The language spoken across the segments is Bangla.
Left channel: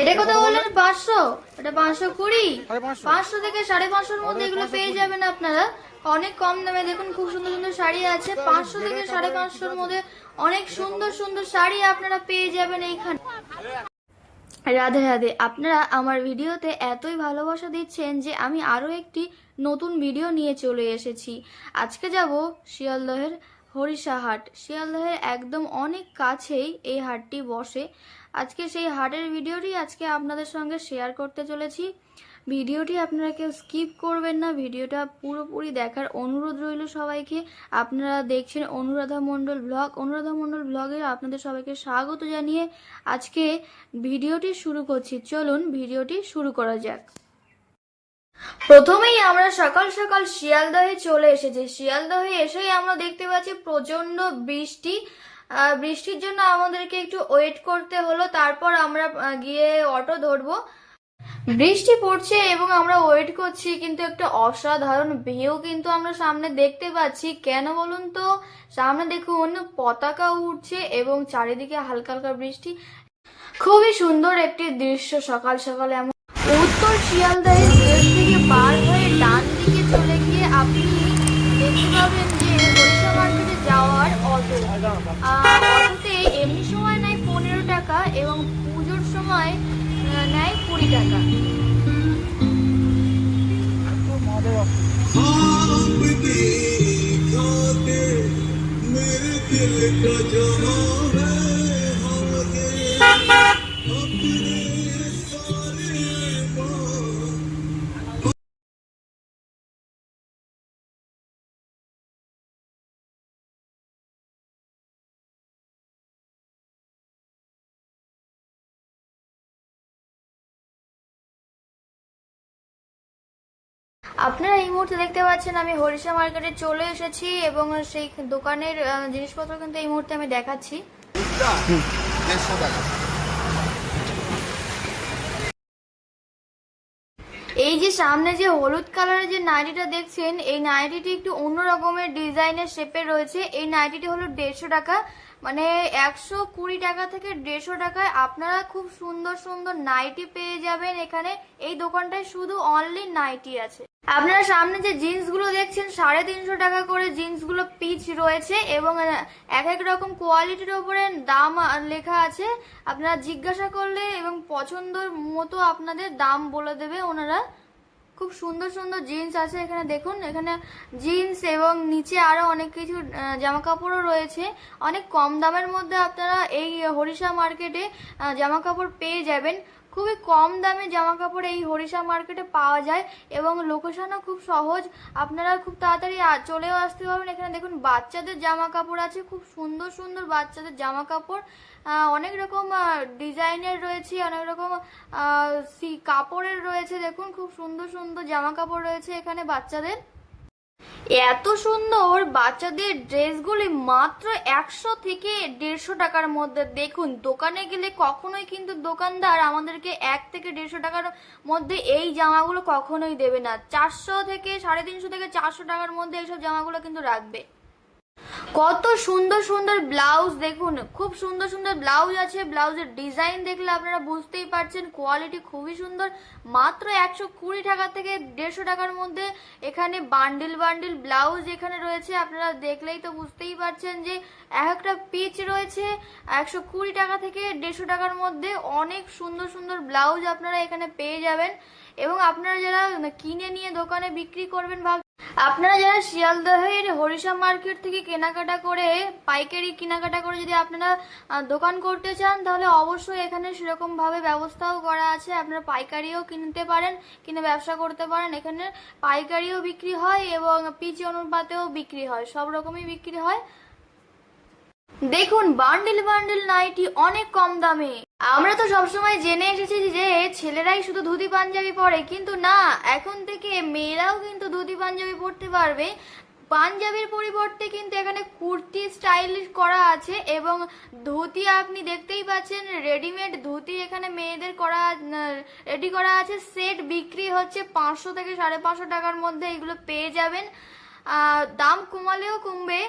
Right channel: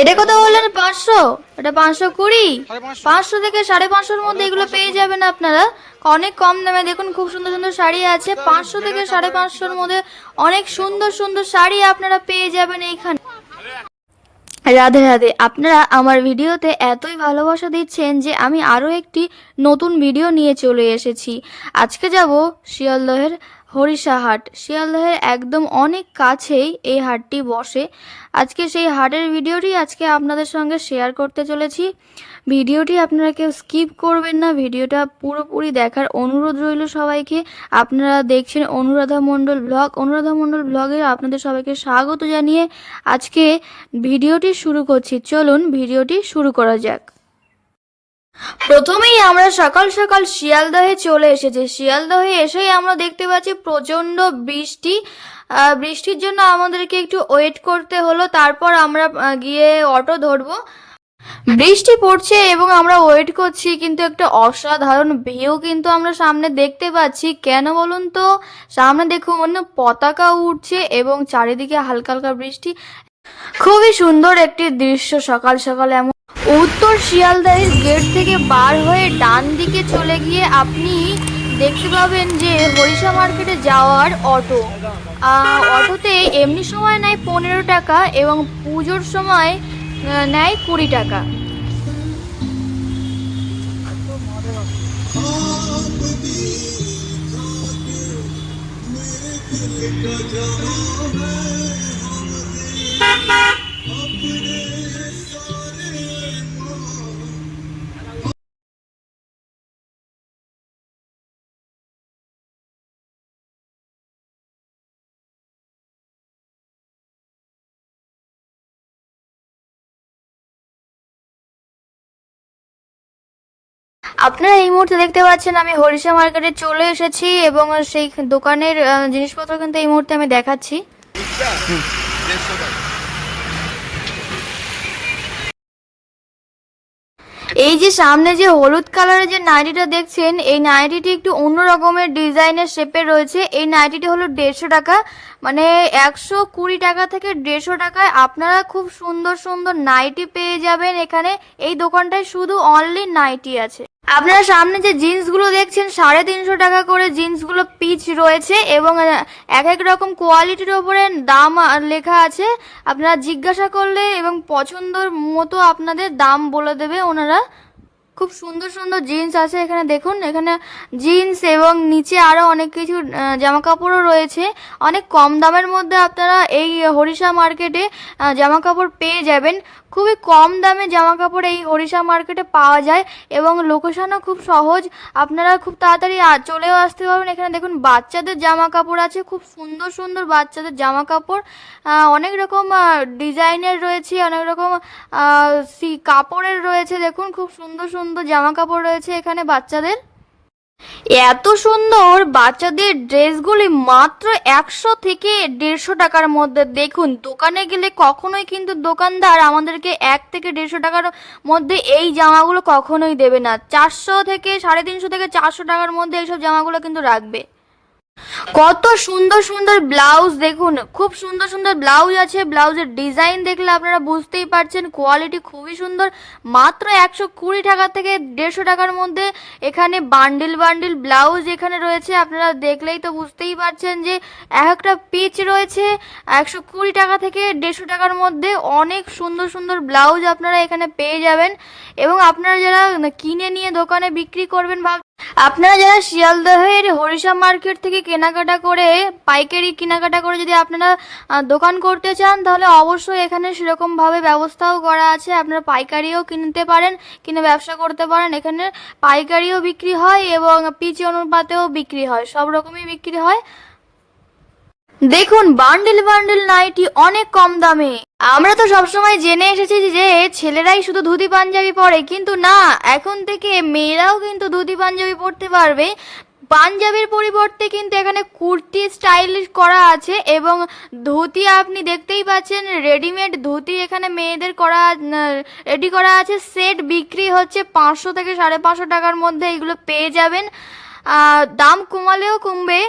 এটা কত বললেন? পাঁচশো? এটা পাঁচশো কুড়ি। পাঁচশো। থেকে সাড়ে পাঁচশোর মধ্যে এগুলো পেয়ে যাবেন আপনারা। অনেক কম দামে দেখুন খুব সুন্দর সুন্দর শাড়ি আছে। পাঁচশো থেকে সাড়ে পাঁচশোর মধ্যে অনেক সুন্দর সুন্দর শাড়ি আপনারা পেয়ে যাবেন এইখানে। রাধে রাধে আপনারা আমার ভিডিওতে এতই ভালোবাসা দিচ্ছেন যে আমি আরও একটি নতুন ভিডিও নিয়ে চলে এসেছি। আজকে যাব শিয়ালদহের হরিষা হাট শিয়ালদহের একদম অনেক কাছেই এই হাটটি বসে। আজকে সেই হাটের ভিডিওটি আজকে আপনাদের সঙ্গে শেয়ার করতে চলেছি। ভিডিওটি আপনারা কেউ স্কিপ করবেন না। ভিডিওটা পুরোপুরি দেখার অনুরোধ রইল সবাইকে। আপনারা দেখছেন অনুরাধা মণ্ডল ব্লগ। অনুরাধা মণ্ডল ব্লগে আপনাদের সবাইকে স্বাগত জানিয়ে আজকে ভিডিওটি শুরু করছি। চলুন ভিডিওটি শুরু করা যাক। প্রথমেই আমরা সকাল সকাল শিয়ালদহে চলে এসেছি। শিয়ালদহে এসেই আমরা দেখতে পাচ্ছি প্রচণ্ড বৃষ্টি। বৃষ্টির জন্য আমাদেরকে একটু ওয়েট করতে হলো, তারপর আমরা গিয়ে অটো ধরবো। বৃষ্টি পড়ছে এবং আমরা ওয়েট করছি, কিন্তু একটা অসাধারণ ভিউ কিন্তু আমরা সামনে দেখতে পাচ্ছি। কেন বলুন তো? সামনে দেখুন, পতাকা উঠছে এবং চারিদিকে হালকা হালকা বৃষ্টি। খুবই সুন্দর একটি দৃশ্য সকাল সকাল এমন উত্তর শিয়ালদাহের গেট থেকে পার হয়ে ডান দিকে চলে গিয়ে আপনি দেখতে পাবেন যে বরিশা মার্কেটে যাওয়ার অটো। অটোতে এমনি সময় নেয় পনেরো টাকা এবং পুজোর সময় নেয় কুড়ি টাকা। আপনারা এই মুহূর্তে দেখতে পাচ্ছেন আমি হরিষা মার্কেটে চলে এসেছি এবং সেই দোকানের জিনিসপত্র কিন্তু এই মুহূর্তে আমি দেখাচ্ছি। এই যে সামনে যে হলুদ কালারের যে নাইটিটা দেখছেন, এই নাইটিটি একটু অন্য রকমের ডিজাইনের শেপে রয়েছে। এই নাইটিটি হলো দেড়শো টাকা মানে একশো কুড়ি টাকা থেকে দেড়শো টাকায় আপনারা খুব সুন্দর সুন্দর নাইটি পেয়ে যাবেন এখানে। এই দোকানটায় শুধু অনলি নাইটি আছে। আপনারা সামনে যে জিন্সগুলো দেখছেন, সাড়ে তিনশো টাকা করে জিন্সগুলো পিচ রয়েছে এবং এক এক রকম কোয়ালিটির ওপরে দাম লেখা আছে। আপনারা জিজ্ঞাসা করলে এবং পছন্দর মতো আপনাদের দাম বলে দেবে ওনারা। খুব সুন্দর সুন্দর জিন্স আছে এখানে, দেখুন। এখানে জিন্স এবং নিচে আরও অনেক কিছু জামা কাপড়ও রয়েছে। অনেক কম দামের মধ্যে আপনারা এই হরিষা মার্কেটে জামা কাপড় পেয়ে যাবেন। খুবই কম দামে জামা কাপড় এই হরিষা মার্কেটে পাওয়া যায় এবং লোকেশনও খুব সহজ। আপনারা খুব তাড়াতাড়ি চলেও আসতে পারবেন। এখানে দেখুন, বাচ্চাদের জামা কাপড় আছে, খুব সুন্দর সুন্দর বাচ্চাদের জামা কাপড় অনেক রকম ডিজাইনের রয়েছে, অনেক রকম কাপড়ের রয়েছে, দেখুন, খুব সুন্দর সুন্দর জামা কাপড় রয়েছে এখানে বাচ্চাদের। এত সুন্দর বাচ্চাদের ড্রেসগুলি মাত্র একশো থেকে দেড়শো টাকার মধ্যে। দেখুন, দোকানে গেলে কখনোই কিন্তু দোকানদার আমাদেরকে এক থেকে দেড়শো টাকার মধ্যে এই জামাগুলো কখনোই দেবে না। চারশো থেকে সাড়ে তিনশো থেকে চারশো টাকার মধ্যে এইসব জামাগুলো কিন্তু রাখবে। কত সুন্দর সুন্দর ব্লাউজ দেখুন, খুব সুন্দর সুন্দর ব্লাউজ আছে। ব্লাউজের ডিজাইন দেখলে আপনারা বুঝতেই পারছেন কোয়ালিটি খুবই সুন্দর। মাত্র একশো কুড়ি টাকা থেকে দেড়শো টাকার মধ্যে এখানে বান্ডিল বান্ডিল ব্লাউজ এখানে রয়েছে। আপনারা দেখলেই তো বুঝতেই পারছেন যে এক একটা পিচ রয়েছে। একশো কুড়ি টাকা থেকে দেড়শো টাকার মধ্যে অনেক সুন্দর সুন্দর ব্লাউজ আপনারা এখানে পেয়ে যাবেন। এবং আপনারা যারা কিনে নিয়ে দোকানে বিক্রি করবেন ভাব আপনারা যারা শিয়ালদহের হরিশা মার্কেট থেকে কেনাকাটা করে, পাইকারি কেনাকাটা করে যদি আপনারা দোকান করতে চান, তাহলে অবশ্যই এখানে সেরকমভাবে ব্যবস্থাও করা আছে। আপনারা পাইকারিও কিনতে পারেন, কিনে ব্যবসা করতে পারেন। এখানে পাইকারিও বিক্রি হয় এবং পিচি অনুপাতেও বিক্রি হয়। সব রকমই বিক্রি হয়। দেখুন বান্ডিল বান্ডিল নাইটি অনেক কম দামে। আমরা তো সবসময় জেনে এসেছি যে ছেলেরাই শুধু ধুতি পাঞ্জাবি পরে, কিন্তু না, এখন থেকে মেয়েরাও কিন্তু ধুতি পাঞ্জাবি পরতে পারবে। পাঞ্জাবির পরিবর্তে কিন্তু এখানে কুর্তি স্টাইল করা আছে এবং ধুতি আপনি দেখতেই পাচ্ছেন রেডিমেড ধুতি এখানে মেয়েদের করা রেডি করা আছে। সেট বিক্রি হচ্ছে পাঁচশো থেকে সাড়ে পাঁচশো টাকার মধ্যে এগুলো পেয়ে যাবেন। দাম কমালেও কমবে।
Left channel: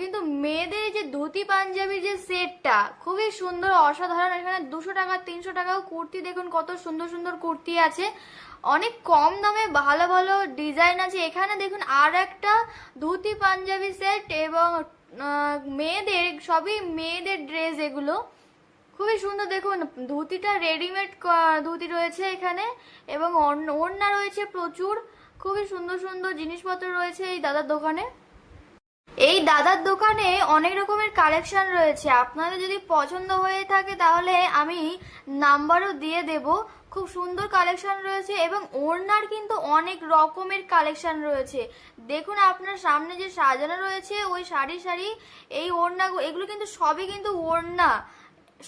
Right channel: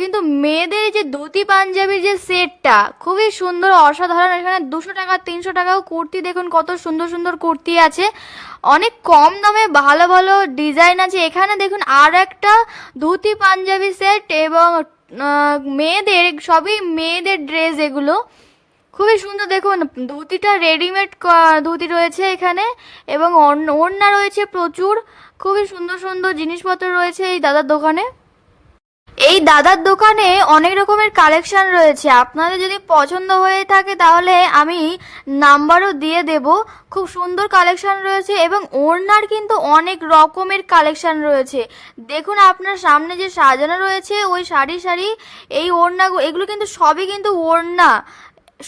কিন্তু মেয়েদের যে ধুতি পাঞ্জাবির যে সেটটা, খুবই সুন্দর, অসাধারণ। এখানে দুশো টাকা, তিনশো টাকাও কুর্তি, দেখুন কত সুন্দর সুন্দর কুর্তি আছে। অনেক কম দামে ভালো ভালো ডিজাইন আছে। এখানে দেখুন আর একটা ধুতি পাঞ্জাবি সেট এবং মেয়েদের, সবই মেয়েদের ড্রেস এগুলো। খুবই সুন্দর, দেখুন ধুতিটা রেডিমেড ধুতি রয়েছে এখানে এবং ওড়না রয়েছে প্রচুর। খুবই সুন্দর সুন্দর জিনিসপত্র রয়েছে এই দাদার দোকানে। এই দাদার দোকানে অনেক রকমের কালেকশন রয়েছে। আপনাদের যদি পছন্দ হয়ে থাকে তাহলে আমি নাম্বারও দিয়ে দেব। খুব সুন্দর কালেকশন রয়েছে এবং ওড়নার কিন্তু অনেক রকমের কালেকশন রয়েছে। দেখুন আপনার সামনে যে সাজানো রয়েছে, ওই শাড়ি শাড়ি, এই ওড়না এগুলো কিন্তু সবই কিন্তু ওড়না।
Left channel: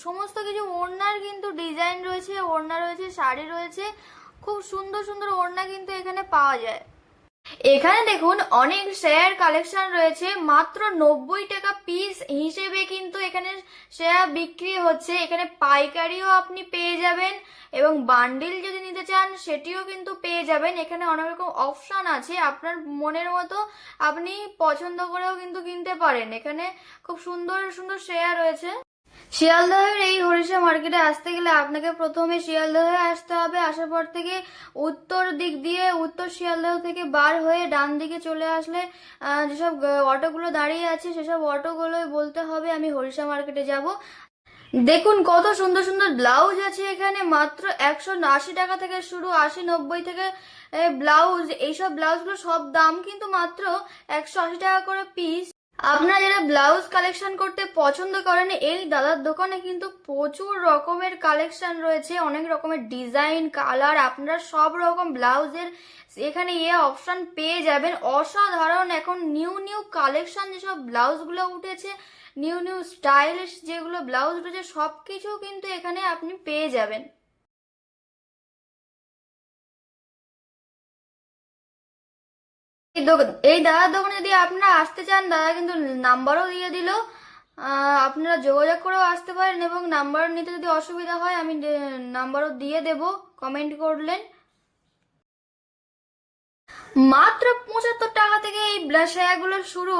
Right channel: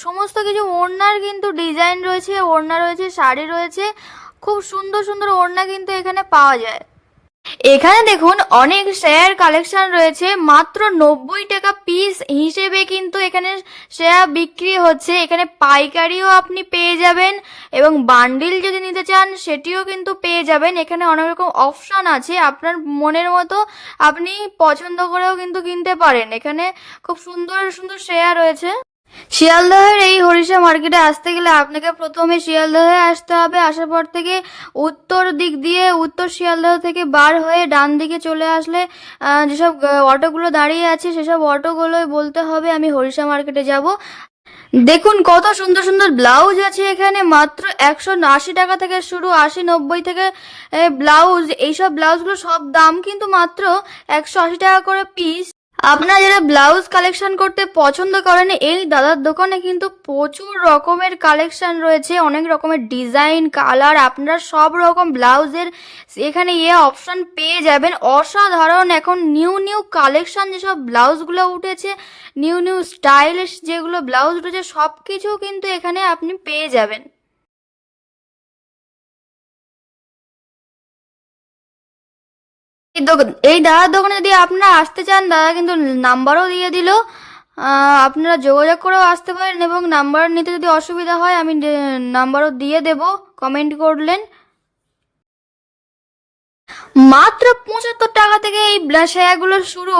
সমস্ত কিছু ওড়নার কিন্তু ডিজাইন রয়েছে, ওড়না রয়েছে, শাড়ি রয়েছে। খুব সুন্দর সুন্দর ওড়না কিন্তু এখানে পাওয়া যায়। এখানে দেখুন অনেক শেয়ার কালেকশন রয়েছে, মাত্র নব্বই টাকা পিস হিসেবে কিন্তু এখানে শেয়ার বিক্রি হচ্ছে। এখানে পাইকারিও আপনি পেয়ে যাবেন এবং বান্ডিল যদি নিতে চান, সেটিও কিন্তু পেয়ে যাবেন। এখানে অনেক রকম অপশন আছে, আপনার মনের মতো আপনি পছন্দ করেও কিন্তু কিনতে পারেন। এখানে খুব সুন্দর সুন্দর শেয়ার রয়েছে। শিয়ালদহের এই হরিষা মার্কেটে আসতে গেলে আপনাকে প্রথমে শিয়ালদহে আসতে হবে। আসার পর থেকে উত্তর দিক দিয়ে উত্তর শিয়ালদহ থেকে বার হয়ে ডান দিকে চলে আসলে যেসব অটোগুলো দাঁড়িয়ে আছে, সেসব অটোগুলোই বলতে হবে, আমি হরিষা মার্কেটে যাব। দেখুন কত সুন্দর সুন্দর ব্লাউজ আছে এখানে, মাত্র একশো আশি টাকা থেকে শুরু, আশি নব্বই থেকে ব্লাউজ, এইসব ব্লাউজগুলো সব দাম কিন্তু মাত্র একশো আশি টাকা করে পিস আপনারা যারা ব্লাউজ কালেকশন করতে পছন্দ করেন, এই দাদার দোকানে কিন্তু প্রচুর রকমের কালেকশন রয়েছে, অনেক রকমের ডিজাইন, কালার, আপনারা সব রকম ব্লাউজের এখানে ইয়ে অপশন পেয়ে যাবেন। অসাধারণ এখন নিউ নিউ কালেকশন যেসব ব্লাউজগুলো উঠেছে, নিউ নিউ স্টাইলিশ যেগুলো ব্লাউজ উঠেছে সব কিছু কিন্তু এখানে আপনি পেয়ে যাবেন। এই দাদার দোকানে যদি আপনারা আসতে চান, দাদা কিন্তু নাম্বারও দিয়ে দিল। আপনারা যোগাযোগ করেও আসতে পারেন এবং নাম্বার নিতে যদি অসুবিধা হয়, আমি নাম্বারও দিয়ে দেব। কমেন্ট করলেন। মাত্র পঁচাত্তর টাকা থেকে এই ব্লাশায়াগুলো শুরু।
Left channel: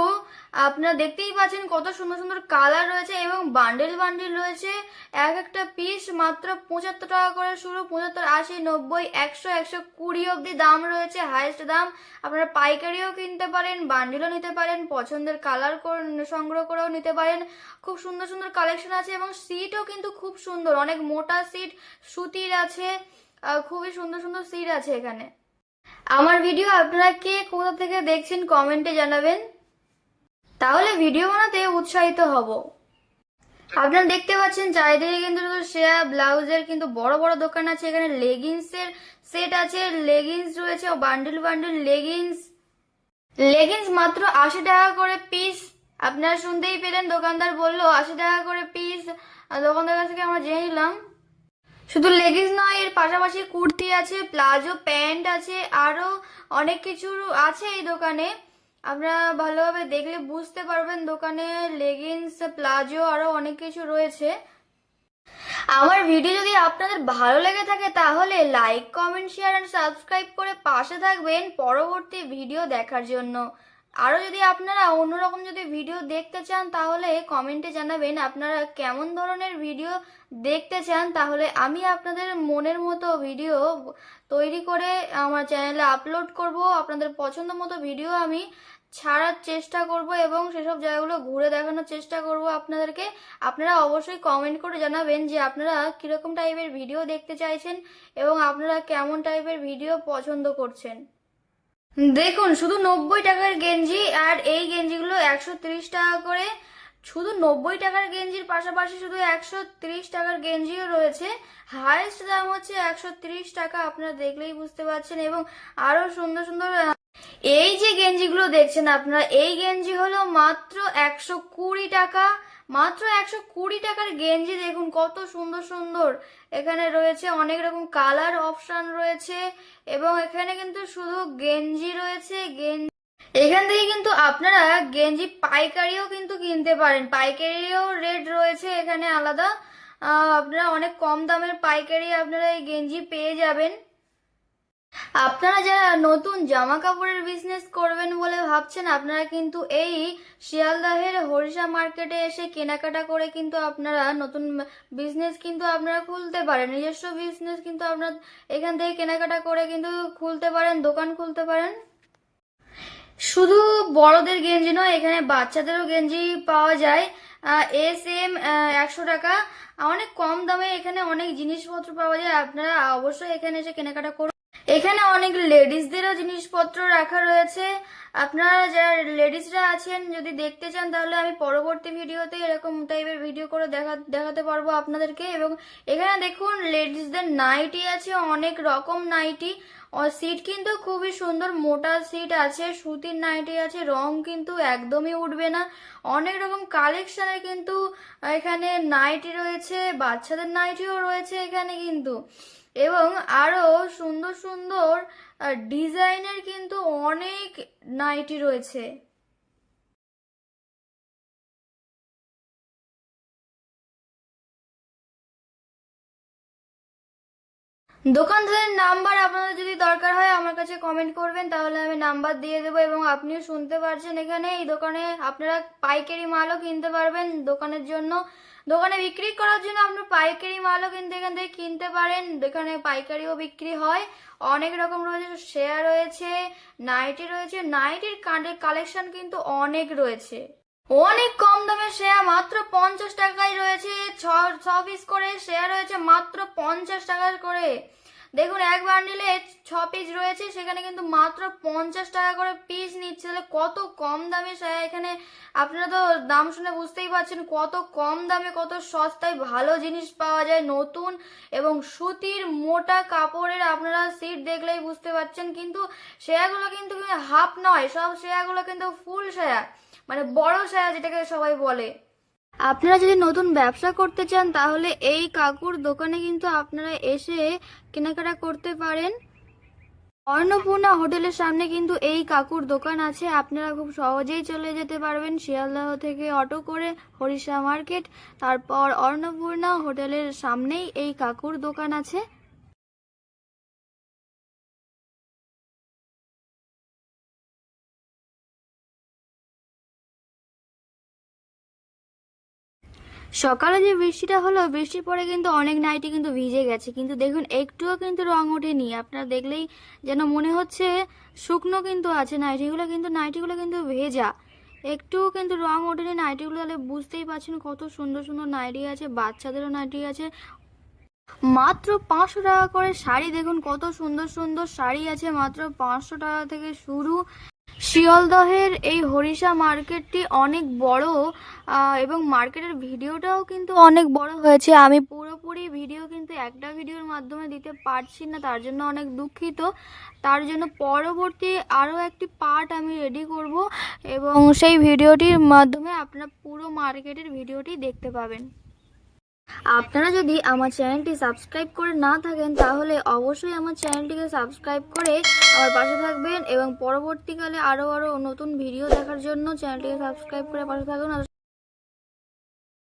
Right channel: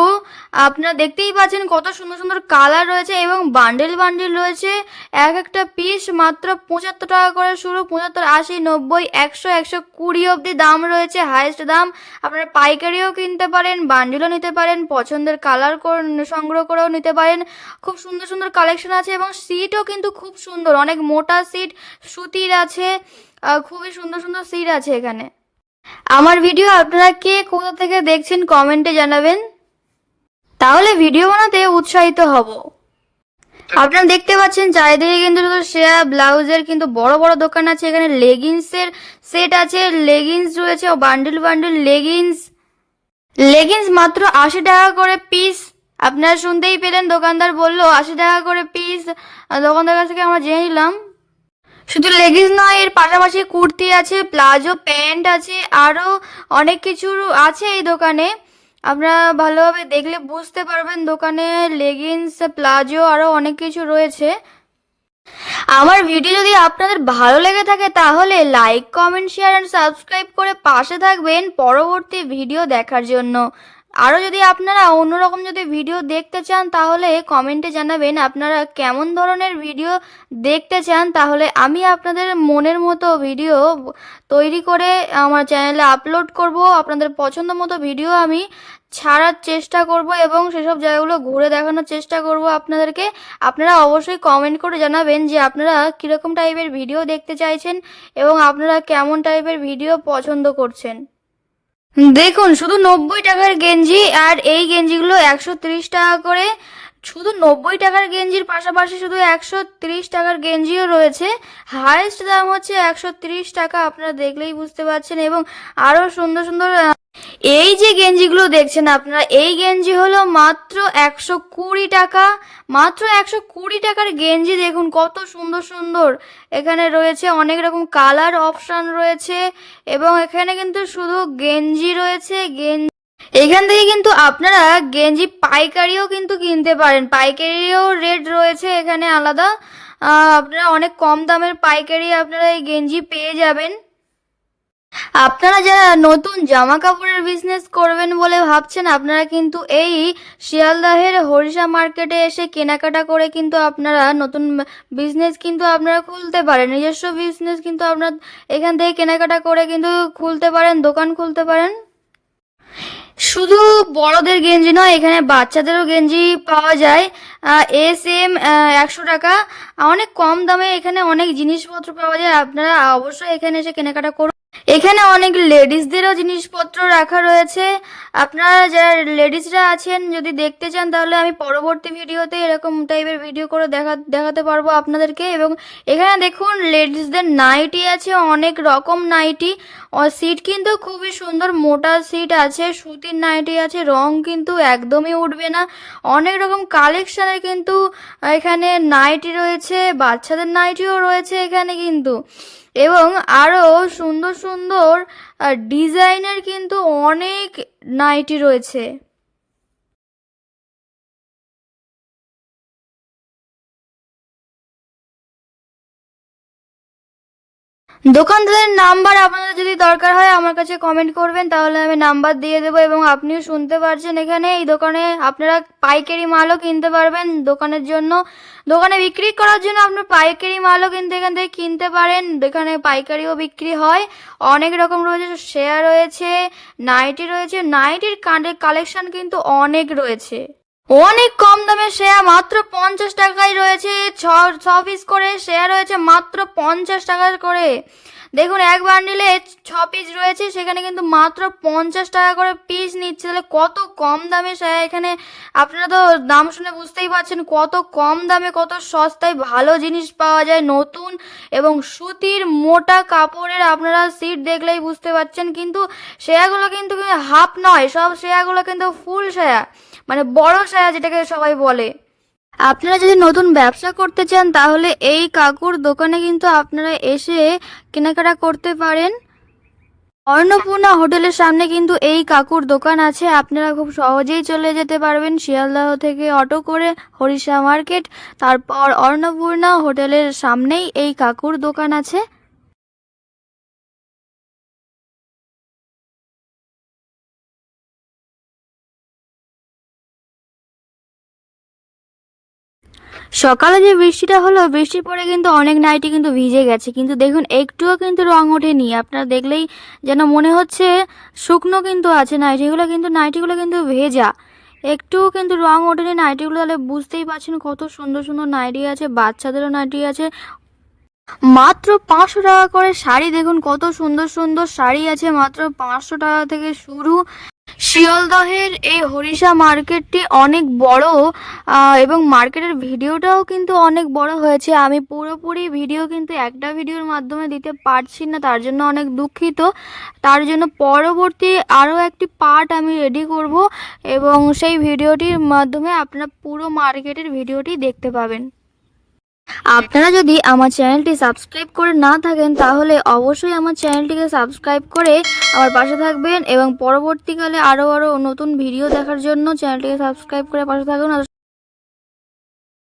আপনারা দেখতেই পাচ্ছেন কত সুন্দর সুন্দর কালার রয়েছে এবং বান্ডেল বান্ডেল রয়েছে। এক একটা পিস মাত্র পঁচাত্তর টাকা করে শুরু। পঁচাত্তর, আশি, নব্বই, একশো একশো কুড়ি অবধি দাম রয়েছে হাইয়েস্ট দাম। আপনারা পাইকারিও কিনতে পারেন, বান্ডেলও নিতে পারেন, পছন্দের কালার সংগ্রহ করেও নিতে পারেন। খুব সুন্দর সুন্দর কালেকশন আছে এবং সিটও কিন্তু খুব সুন্দর। অনেক মোটা সিট সুতির আছে। খুবই সুন্দর সুন্দর সিট আছে এখানে। আমার ভিডিও আপনারা কে কোথা থেকে দেখছেন কমেন্টে জানাবেন। তাহলে ভিডিও বানাতে উৎসাহিত হব। আপনারা দেখতে পাচ্ছেন চারিদিকে কিন্তু শেয়া ব্লাউজের কিন্তু বড় বড় দোকান আছে, এখানে লেগিংসের সেট আছে, লেগিংস রয়েছে বান্ডিল বান্ডিল লেগিংস। লেগিংস মাত্র আশি টাকা করে পিস। আপনারা শুনতেই পেলেন, দোকানদার বলল, আশি টাকা করে পিস। দোকানদার কাছ থেকে আমরা জেনে নিলাম শুধু লেগিংস নয়, এর পাশাপাশি কুর্তি আছে, প্লাজো, প্যান্ট আছে আরও অনেক কিছু আছে এই দোকানে। আপনারা ভালোভাবে দেখলে বুঝতে পারবেন দোকানে লেগিংস প্লাজো আরও অনেক কিছু রয়েছে। আমার ভিডিও যদি আপনাদের ভালো লেগে থাকে তাহলে like, comment, share and subscribe করে পাশে থাকবেন পরবর্তী ভিডিও দেখার জন্য। আরও যদি আপনারা অন্যরকম যদি ভিডিও দেখতে চান, তাহলে কমেন্টে জানাবেন আপনারা কেমন ধরনের ভিডিও দেখতে চান। তাহলে আমি আপনাদের মনের মতো ভিডিও তৈরি করে আমার চ্যানেলে আপলোড করব। আপনাদের পছন্দ মতো ভিডিও আমি ছাড়ার চেষ্টা করব এবং সেসব জায়গাগুলো ঘুরে দেখানোর চেষ্টা করব আপনাদেরকে। আপনারা অবশ্যই কমেন্ট করে জানাবেন যে আপনারা কীরকম টাইপের ভিডিও দেখতে চাইছেন এবং আপনারা কেমন টাইপের ভিডিও পছন্দ করছেন। দেখুন, শুধু নব্বই টাকার গেঞ্জি আর এই গেঞ্জিগুলো একশো তিরিশ টাকা করে। শুধু নব্বই টাকার গেঞ্জির পাশাপাশি শুধু একশো তিরিশ টাকার গেঞ্জিও রয়েছে। হায়েস্ট দাম হচ্ছে একশো তিরিশ টাকা, আপনারা দেখলেই বুঝতে পারছেন। এবং আরও সুন্দর সুন্দর এই যে গেঞ্জিগুলো দেখছেন আপনারা, এই গেঞ্জি হলো মাত্র একশো কুড়ি টাকা, মাত্র একশো কুড়ি টাকার গেঞ্জি দেখুন, কত সুন্দর সুন্দর। এখানে রয়েছে অনেক রকম কালার অপশন রয়েছে এবং এখানে কিন্তু শুধু গেঞ্জি রয়েছে, গেঞ্জি। এখান থেকে কিন্তু আপনারা গেঞ্জি পাইকারিও কিন্তু কিনতে পারেন পাইকারিও রেট রয়েছে এখানে আলাদা। আপনারা অনেক কম দামের পাইকারি আপনারা এই গেঞ্জি পেয়ে যাবেন। আপনারা যারা নতুন জামা কাপড়ের বিজনেস করবেন বলে ভাবছেন, আপনারা কিন্তু এই শিয়ালদাহের হরিষা মার্কেটে এসে কেনাকাটা করে কিন্তু আপনারা নতুন বিজনেস কিন্তু আপনারা খুলতে পারেন। নিজস্ব বিজনেস কিন্তু আপনার এখান থেকে কেনাকাটা করে কিন্তু খুলতে পারেন, দোকান খুলতে পারেন। শুধু বড়দের গেঞ্জি নয়, এখানে বাচ্চাদেরও গেঞ্জি পাওয়া যায়। এস এম একশো টাকা। অনেক কম দামে এখানে অনেক জিনিসপত্র পাওয়া যায়। আপনারা অবশ্যই এখানে এসে কেনাকাটা করুন। এখানে অনেক লেডিসদেরও জিনিসপত্র রাখা রয়েছে। আপনারা যারা লেডিসরা আছেন, যদি দেখতে চান, তাহলে আমি পরবর্তী ভিডিওতে এরকম টাইপের ভিডিও করে দেখা, দেখাতে পারব আপনাদেরকে। এবং এখানে দেখুন, লেডিসদের নাইটি আছে, অনেক রকম নাইটি। সিট কিন্তু খুবই সুন্দর, মোটা সিট আছে, সুতির নাইটি আছে, রং কিন্তু একদমই উঠবে না। অনেক রকম কালেকশনের কিন্তু এখানে নাইটি রয়েছে, বাচ্চাদের নাইটিও রয়েছে এখানে কিন্তু। এবং আরও সুন্দর সুন্দর ডিজাইনের কিন্তু অনেক নাইটি রয়েছে। দোকানদারের নাম্বার আপনাদের যদি দরকার হয় আমার কাছে কমেন্ট করবেন, তাহলে আমি নাম্বার দিয়ে দেবো এবং আপনিও শুনতে পারছেন এখানে। এই দোকানে আপনারা পাইকারি মালও কিনতে পারবেন দোকানের জন্য। দোকানে বিক্রি করার জন্য আপনার পাইকারি মালও কিন্তু এখান থেকে কিনতে পারেন। এখানে পাইকারিও বিক্রি হয়। অনেক রকম রয়েছে শেয়ার রয়েছে নাইটি রয়েছে। নাইটির কালেকশন কিন্তু অনেক রয়েছে। অনেক কম দামে শেয়ার মাত্র পঞ্চাশ টাকায় রয়েছে। ছ পিস করে শেয়ার রয়েছে মাত্র পঞ্চাশ টাকা করে। দেখুন, এক বান্ডিলে ছ পিস রয়েছে, সেখানে কিন্তু মাত্র পঞ্চাশ টাকা করে পিস নিচ্ছে। তাহলে কত কম দামে এখানে, আপনারা তো দাম শুনে বুঝতেই পারছেন, কত কম দামে কত সস্তায় ভালো জিনিস পাওয়া যায়। নতুন এবং সুতির মোটা কাপড়ের আপনারা সিট দেখলেই বুঝতে পারছেন, কিন্তু শেয়ারগুলো কিন্তু হাফ নয়, সব শেয়ারগুলো কিন্তু ফুল শেয়ার মানে বড় সায়া যেটাকে সবাই বলে। আপনারা যদি নতুন ব্যবসা করতে চান, তাহলে এই কাকুর দোকানে কিন্তু আপনারা এসে কেনাকাটা করতে পারেন। অন্নপূর্ণা হোটেলের সামনে কিন্তু এই কাকুর দোকান আছে। আপনারা খুব সহজেই চলে যেতে পারবেন। শিয়ালদাহ থেকে অটো করে হরিষা মার্কেট। তারপর অন্নপূর্ণা হোটেলের সামনেই এই কাকুর দোকান আছে। সকালে যে বৃষ্টিটা হলো বৃষ্টির পরে কিন্তু অনেক নাইটি কিন্তু ভিজে গেছে। কিন্তু দেখুন, একটুও কিন্তু রং ওঠেনি। আপনারা দেখলেই যেন মনে হচ্ছে শুকনো কিন্তু আছে নাইটিগুলো কিন্তু নাইটিগুলো কিন্তু ভেজা। একটুও কিন্তু রং ওঠেনি নাইটিগুলো তাহলে বুঝতেই পারছেন কত সুন্দর সুন্দর নাইটি আছে, বাচ্চাদেরও নাইটি আছে। মাত্র পাঁচশো টাকা করে শাড়ি, দেখুন কত সুন্দর সুন্দর শাড়ি আছে। মাত্র পাঁচশো টাকা থেকে শুরু। শিয়ালদহের এই হরিষা মার্কেটটি অনেক বড় এবং মার্কেটের ভিডিওটাও কিন্তু অনেক বড় হয়েছে। আমি পুরোপুরি ভিডিও কিন্তু একটা ভিডিওর মাধ্যমে দিতে পারছি না, তার জন্য অনেক দুঃখিত। তার জন্য পরবর্তী আরও একটি পার্ট আমি রেডি করব, এবং সেই ভিডিওটির মাধ্যমে আপনারা পুরো মার্কেটের ভিডিওটি দেখতে পাবেন। আপনারা যদি আমার চ্যানেলটি সাবস্ক্রাইব করে না থাকেন, তাহলে অবশ্যই আমার চ্যানেলটিকে সাবস্ক্রাইব করে আমার পাশে থাকবেন এবং পরবর্তীকালে আরও আরও নতুন ভিডিও দেখার জন্য চ্যানেলটিকে সাবস্ক্রাইব করে পাশে থাকবেন